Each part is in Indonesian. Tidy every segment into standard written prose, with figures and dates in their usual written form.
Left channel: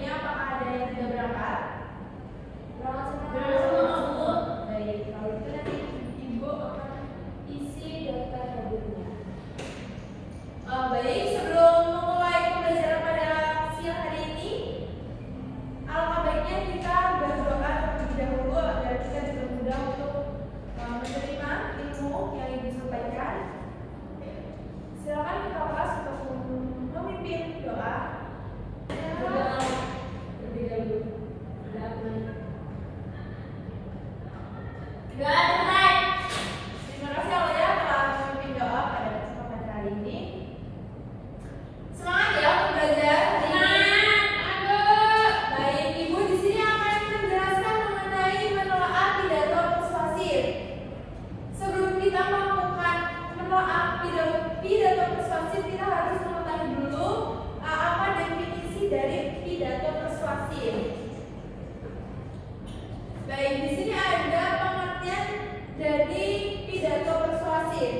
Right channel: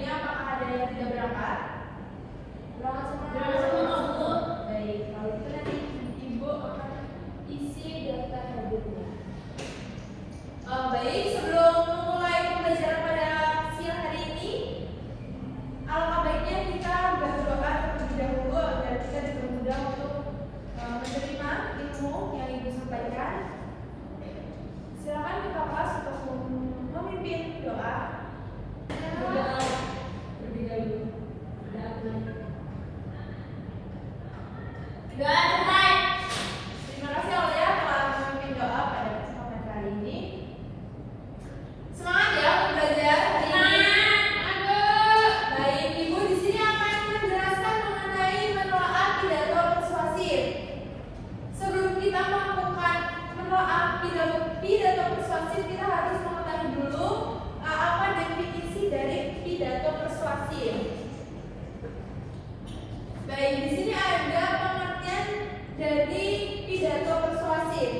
selanjutnya apakah ada yang tidak berangkat? Berangkat sama. Baik, kalau itu nanti Ibu akan isi daftar hadirnya. Baik, sebelum memulai pembelajaran pada siang hari ini, alangkah baiknya kita berdoa terlebih dahulu agar kita dipermudah untuk menerima ilmu yang Ibu sampaikan. Silakan Kakak kelas untuk memimpin doa. Berdoa terlebih dahulu. Doa dimana? Doa dimana? Terima kasih Allah ya telah memimpin doa pada kesempatan kali ini. Semangat ya untuk belajar hari ini. Baik, Ibu di sini akan menjelaskan mengenai menelaah pidato persuasif. Sebelum kita melakukan menelaah pidato persuasif, kita harus mengetahui dulu apa definisi dari pidato persuasif. Baik, di sini ada pengertian dari pidato persuasif.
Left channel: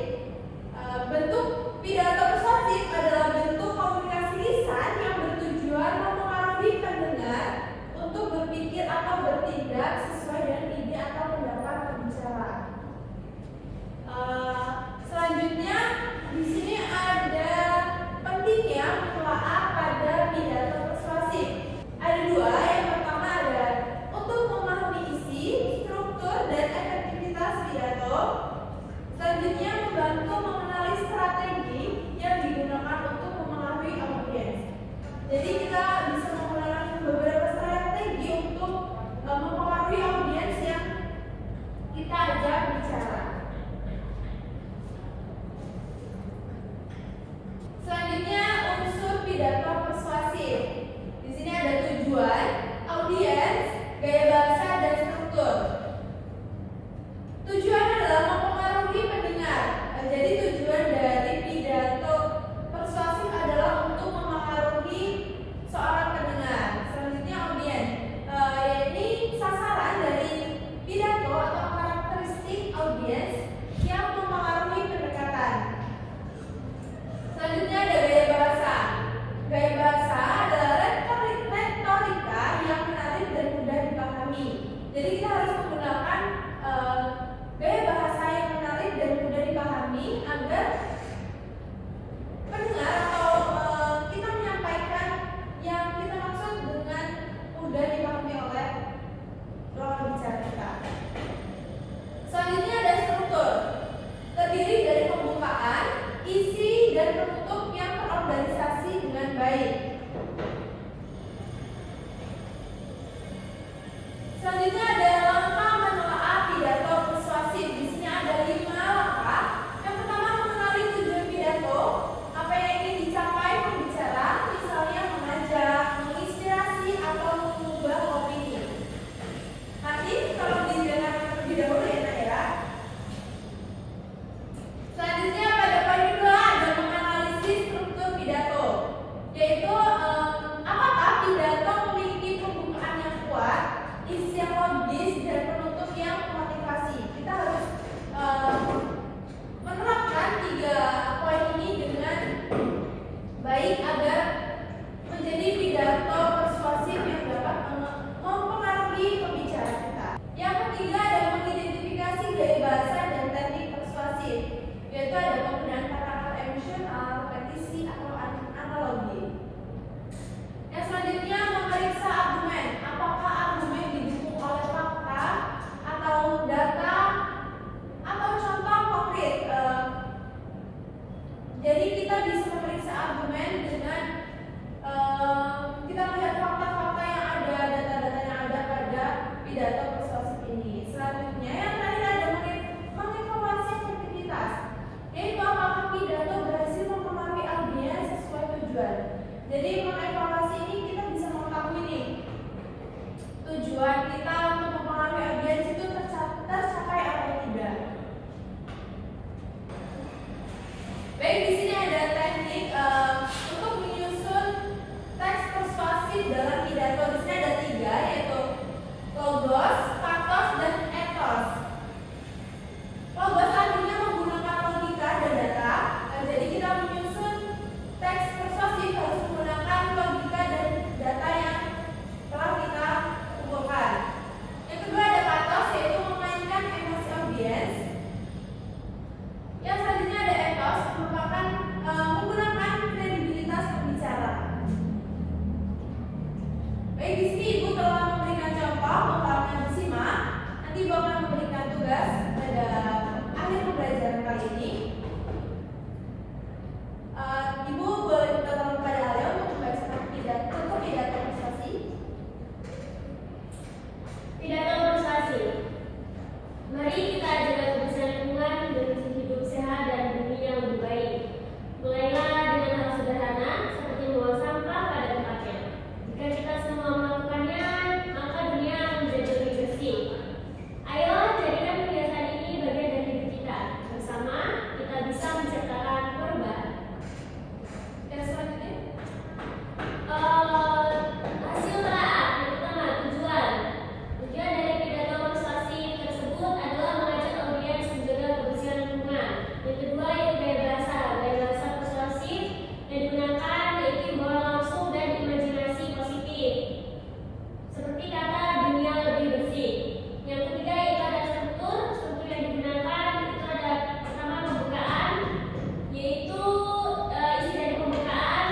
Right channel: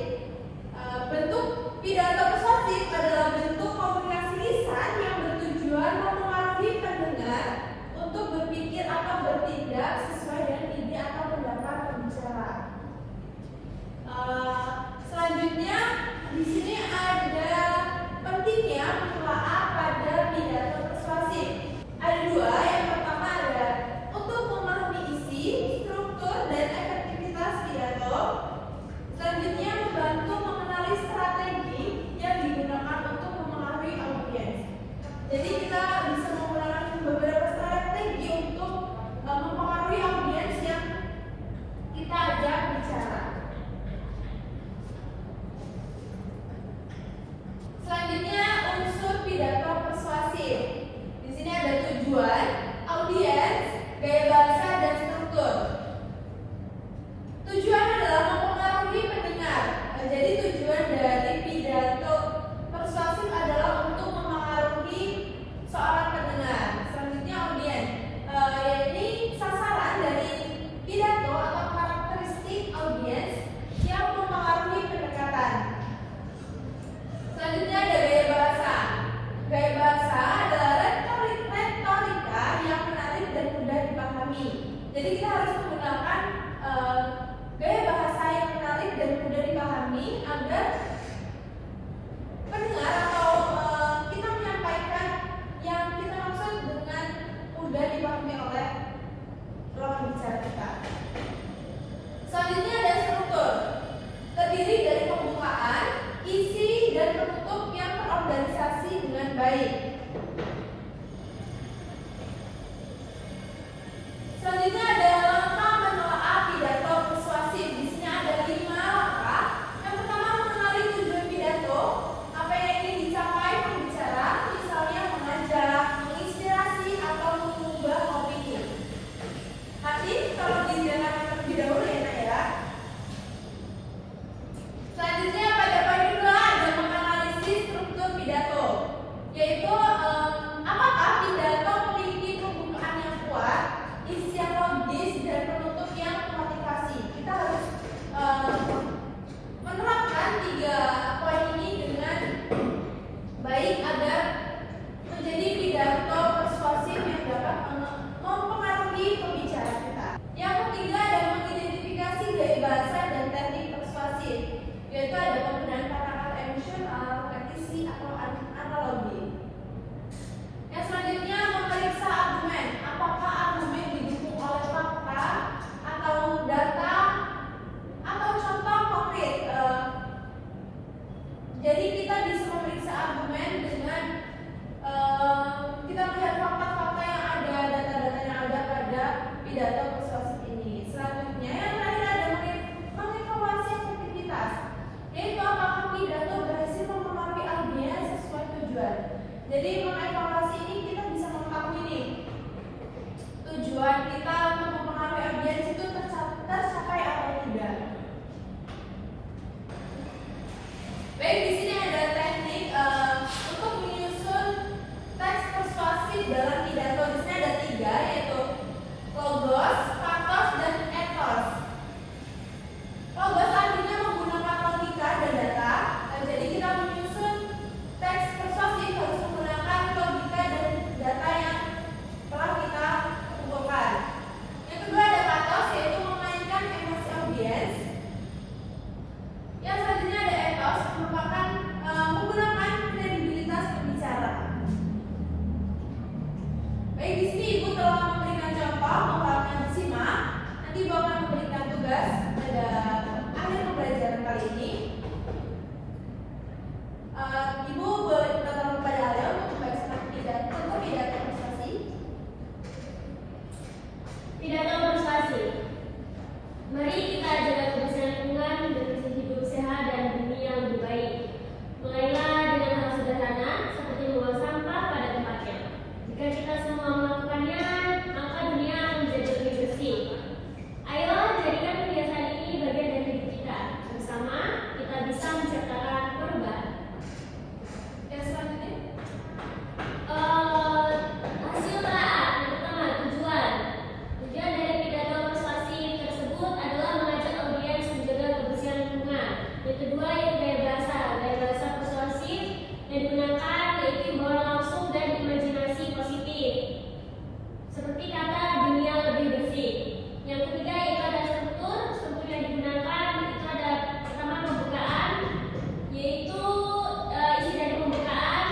Bentuk pidato persuasif adalah bentuk komunikasi lisan yang bertujuan mempengaruhi pendengar untuk berpikir atau bertindak sesuai dengan ide atau pendapat pembicara. Selanjutnya di sini ada pentingnya menelaah pada pidato persuasif. Ada dua, yang pertama adalah untuk memahami isi, struktur, dan efektivitas pidato. Selanjutnya membantu mengenali strategi yang digunakan untuk mempengaruhi audiens. Jadi kita bisa menggunakan beberapa strategi untuk mempengaruhi audiens yang kita ajak bicara. Selanjutnya unsur pidato persuasif. Di sini ada tujuan, audiens, gaya bahasa, dan struktur. Tujuan adalah mempengaruhi pendengar. Jadi tujuan dari pidato persuasif adalah untuk mempengaruhi seorang pendengar. Selanjutnya audiens. Ini sasaran dari pidato atau karakteristik audiens yang mempengaruhi pendekatan. Selanjutnya ada gaya bahasa. Gaya bahasa adalah retorika yang menarik dan mudah dipahami. Jadi kita harus menggunakan gaya bahasa yang menarik dan mudah dipahami agar pendengar atau kita menyampaikan yang kita maksud dengan mudah dipahami oleh lawan bicara kita. Selanjutnya ada struktur. Terdiri dari pembukaan, isi, dan penutup yang terorganisasi dengan baik. Selanjutnya ada langkah menelaah pidato persuasif. Di sini ada 5 langkah. Yang pertama, mengenali tujuan pidato, apa yang ingin dicapai pembicara, misalnya mengajak, menginspirasi, atau mengubah opini. Hati kalau didengar terlebih dahulu ya Nak ya. Selanjutnya pada poin kedua ada menganalisis struktur pidato, yaitu apakah pidato memiliki pembukaan yang kuat, isi yang logis, dan penutup yang memotivasi. Kita harus menerapkan 3 poin ini dengan baik agar menjadi pidato persuasif yang dapat mempengaruhi pembicara kita. Yang ketiga adalah mengidentifikasi gaya bahasa dan teknik persuasif, yaitu ada penggunaan kata-kata emosional, repetisi, atau analogi. Yang selanjutnya memeriksa argumen. Apakah argumen didukung oleh fakta atau data atau contoh konkret? Jadi kita bisa memeriksa argumen dengan kita melihat fakta-fakta yang ada, data-data yang ada pada pidato persuasif ini. Selanjutnya yang terakhir ada mengevaluasi efektivitas, yaitu apakah pidato berhasil mempengaruhi audiens sesuai tujuan. Jadi mengevaluasi ini kita bisa mengetahui nih tujuan kita untuk mempengaruhi audiens itu tercapai atau tidak. Baik, di sini ada teknik untuk menyusun teks persuasif dalam pidato. Di sini ada 3, yaitu logos, pathos, dan ethos. Logos artinya menggunakan logika dan data. Jadi kita menyusun teks persuasif harus menggunakan logika dan data yang Baik, di sini Ibu telah memberikan contoh, Bapak akan disimak. Nanti Bapak akan memberikan tugas pada akhir pembelajaran kali ini. Ibu boleh minta tolong kepada Alia untuk membacakan pidato prestasi. Pidato persuasi. Mari kita jaga kebersihan lingkungan, berisi hidup sehat dan bumi yang lebih baik. Mulailah dengan hal sederhana seperti membuang sampah pada tempatnya. Jika kita semua melakukannya, maka dunia akan menjadi lebih bersih. Ayo jadikan kebiasaan ini bagian dari hidup kita. Bersama kita bisa menciptakan perubahan. Yang selanjutnya, Hasil telaah yang pertama, tujuan. Tujuan dari pidato persuasi tersebut adalah mengajak audiens menjaga kebersihan lingkungan. Yang kedua, yaitu gaya bahasa persuasif yang digunakan yaitu himbauan langsung dan imajinasi positif, seperti kata dunia lebih bersih. Yang ketiga, yaitu ada struktur yang digunakan itu ada pertama pembukaan, yaitu isi dari pembukaan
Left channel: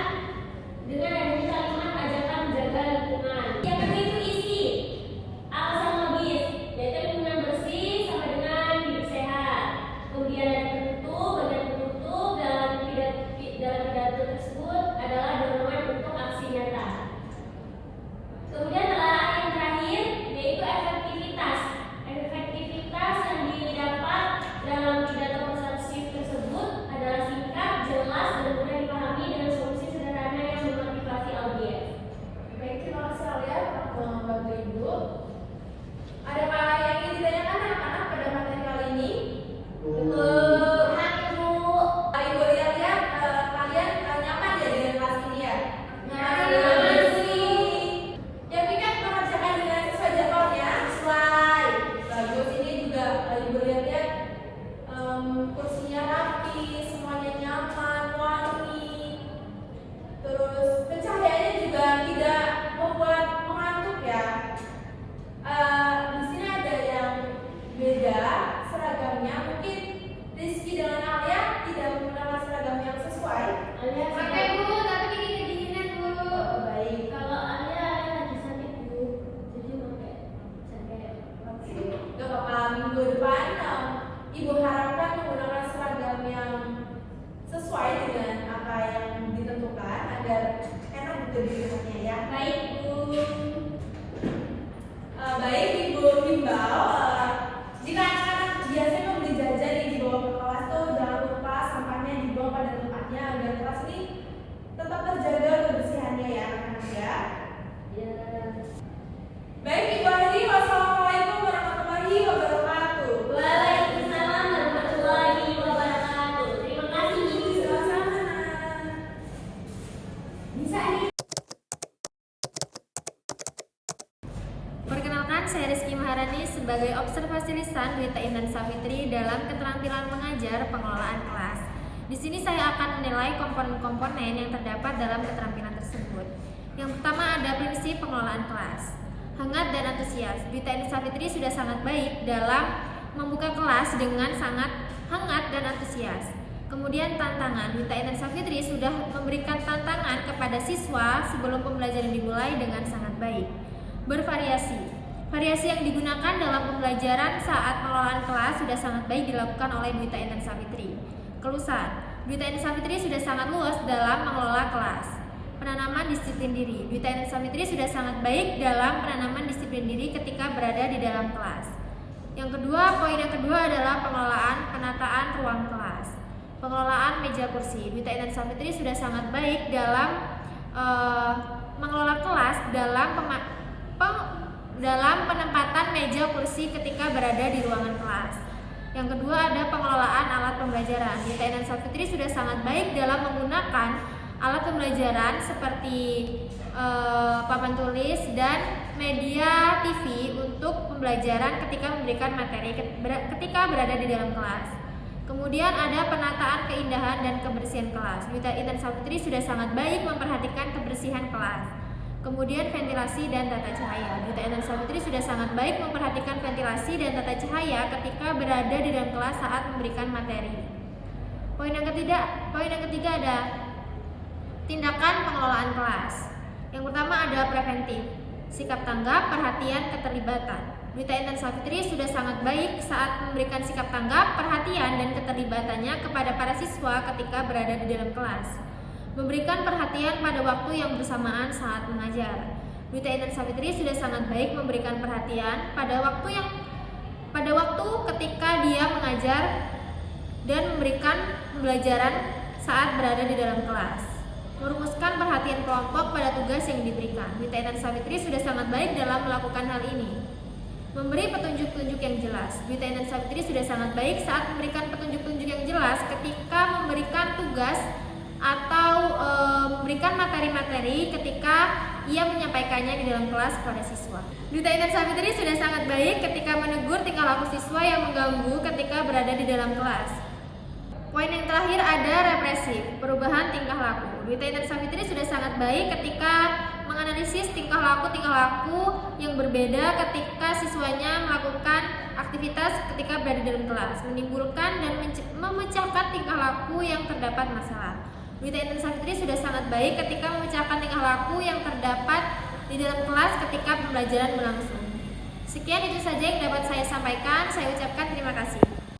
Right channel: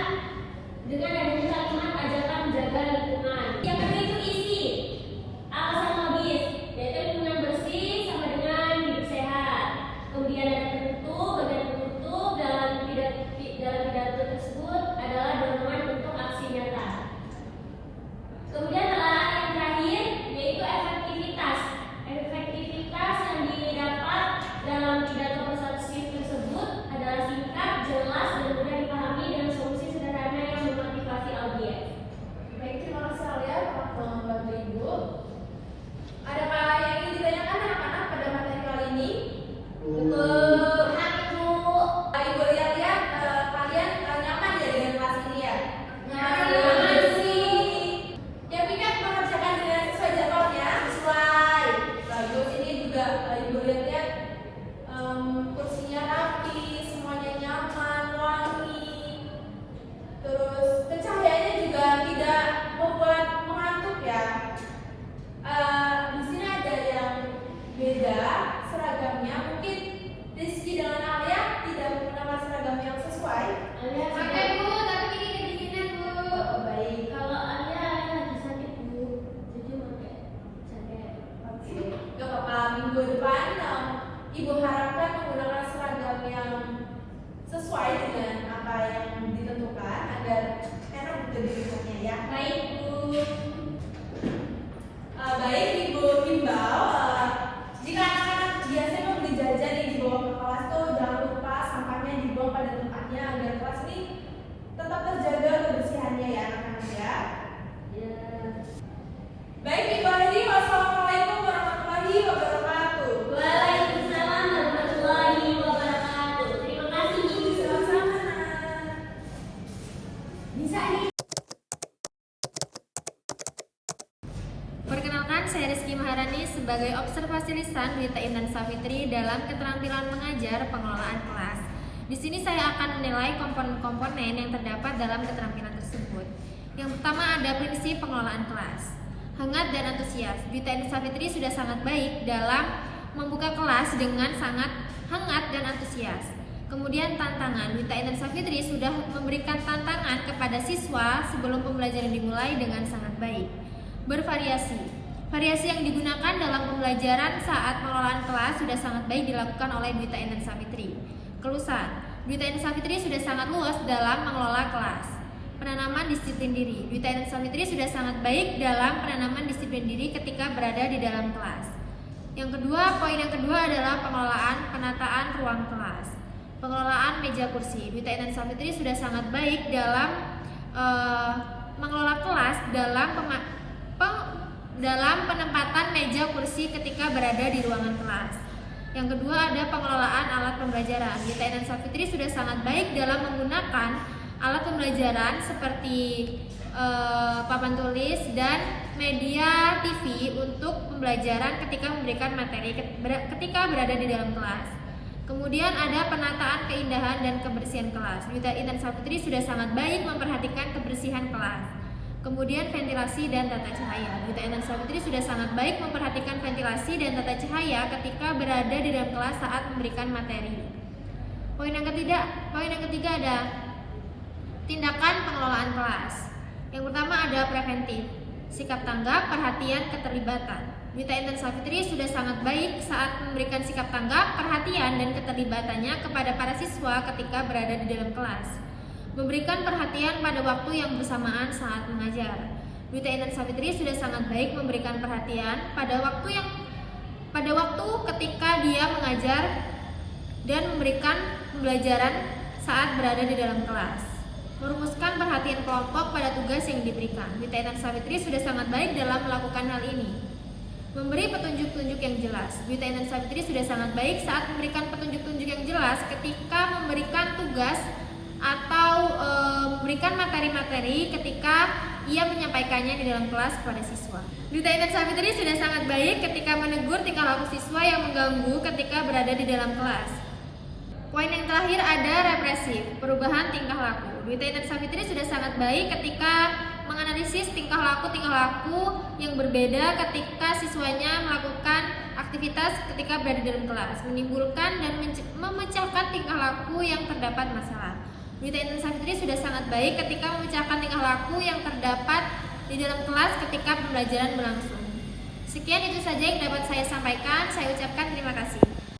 dengan adanya kalimat ajakan menjaga lingkungan. Yang kedua itu isi alasan logis, yaitu lingkungan bersih sama dengan hidup sehat. Kemudian ada penutup, bagian penutup dalam pidato tersebut adalah dorongan untuk aksi nyata. Kemudian yang terakhir yaitu efektivitas yang didapat dalam pidato persuasif tersebut adalah singkat, jelas, dan mudah dipahami dengan solusi sederhana yang memotivasi audiens. baik, terima kasih Alia telah membantu Ibu. Adakah yang ingin ditanyakan anak-anak pada materi kali ini? Ibu lihat-lihat kalian nyaman ya dengan kelas ini ya? Nyaman sih. Yang ingat mengerjakan dengan sesuai jadwalnya, sesuai. Bagus, ini juga Ibu lihat-lihat kursinya rapi, semuanya nyaman, wangi. Terus pencahayaannya juga tidak membuat mengantuk ya. Di sini ada yang beda seragamnya, mungkin Rizky dengan Alia tidak menggunakan seragam yang sesuai. Pakai Bu, tapi ini kedinginan Bu. Baik. Kalau Alia lagi sakit Bu, jadi pakai jaket. Oke, gak apa-apa, minggu depan Ibu harapkan menggunakan seragam yang sesuai dengan apa yang ditentukan agar enak untuk digunakannya ya. Baik Bu. Baik, Ibu himbau jika anak-anak biasanya membeli jajan yang dibawa ke kelas tuh jangan lupa sampahnya dibawa pada tempatnya agar kelas ini tetap terjaga kebersihannya ya anak-anak ya. Ya. Baik, Ibu Adi, wassalamualaikum warahmatullahi wabarakatuh. Waalaikumsalam warahmatullahi wabarakatuh. Terima kasih. Sama-sama. Bisa nih. Perkenalkan, saya Rizky Maharani sebagai observasi lisan Berita Intan Savitri dalam keterampilan mengajar pengelolaan kelas. Di sini saya akan menilai komponen-komponen yang terdapat dalam keterampilan tersebut. Yang pertama ada prinsip pengelolaan kelas. Hangat dan antusias. Berita Intan Savitri sudah sangat baik dalam membuka kelas dengan sangat hangat dan antusias. Kemudian tantangan. Berita Intan Savitri sudah memberikan tantangan kepada siswa sebelum pembelajaran dimulai dengan sangat baik. Bervariasi. Variasi yang digunakan dalam pembelajaran saat pengelolaan kelas sudah sangat baik dilakukan oleh Berita Intan Savitri. Kelusan. Berita Intan Savitri sudah sangat luas dalam mengelola kelas. Penanaman disiplin diri. Berita Intan Savitri sudah sangat baik dalam penanaman disiplin diri ketika berada di dalam kelas. Poin yang kedua adalah pengelolaan penataan ruang kelas. Pengelolaan meja kursi. Berita Intan Savitri sudah sangat baik dalam mengelola kelas dalam penempatan meja kursi ketika berada di ruangan kelas. Yang kedua ada pengelolaan alat pembelajaran. Berita Intan Savitri sudah sangat baik dalam menggunakan alat pembelajaran seperti papan tulis dan media TV untuk pembelajaran ketika memberikan materi ketika berada di dalam kelas. Kemudian ada penataan keindahan dan kebersihan kelas. Berita Intan Savitri sudah sangat baik memperhatikan kebersihan kelas. Kemudian ventilasi dan tata cahaya. Berita Intan Savitri sudah sangat baik memperhatikan ventilasi dan tata cahaya ketika berada di dalam kelas saat memberikan materi. Poin yang ketiga ada tindakan pengelolaan kelas. Yang pertama ada preventif. sikap tanggap, perhatian, keterlibatan. Wita Intan Savitri sudah sangat baik saat memberikan sikap tanggap, perhatian, dan keterlibatannya kepada para siswa ketika berada di dalam kelas. Memberikan perhatian pada waktu yang bersamaan saat mengajar. Wita Intan Savitri sudah sangat baik memberikan perhatian pada waktu ketika dia mengajar dan memberikan pembelajaran saat berada di dalam kelas. Merumuskan perhatian kelompok pada tugas yang diberikan. Wita Intan Savitri sudah sangat baik dalam melakukan hal ini. Memberi petunjuk-petunjuk yang jelas. Wita Intan Savitri sudah sangat baik saat memberikan petunjuk-petunjuk yang jelas ketika memberikan tugas atau memberikan materi-materi ketika ia menyampaikannya di dalam kelas kepada siswa. Wita Intan Savitri sudah sangat baik ketika menegur tingkah laku siswa yang mengganggu ketika berada di dalam kelas. Poin yang terakhir ada represif, perubahan tingkah laku. Wita Intan Savitri sudah sangat baik ketika menganalisis tingkah laku yang berbeda ketika siswanya melakukan aktivitas ketika berada di dalam kelas, menimbulkan dan memecahkan tingkah laku yang terdapat masalah. Wita Intan Savitri sudah sangat baik ketika memecahkan tingkah laku yang terdapat di dalam kelas ketika pembelajaran berlangsung. Sekian itu saja yang dapat saya sampaikan. Saya ucapkan terima kasih.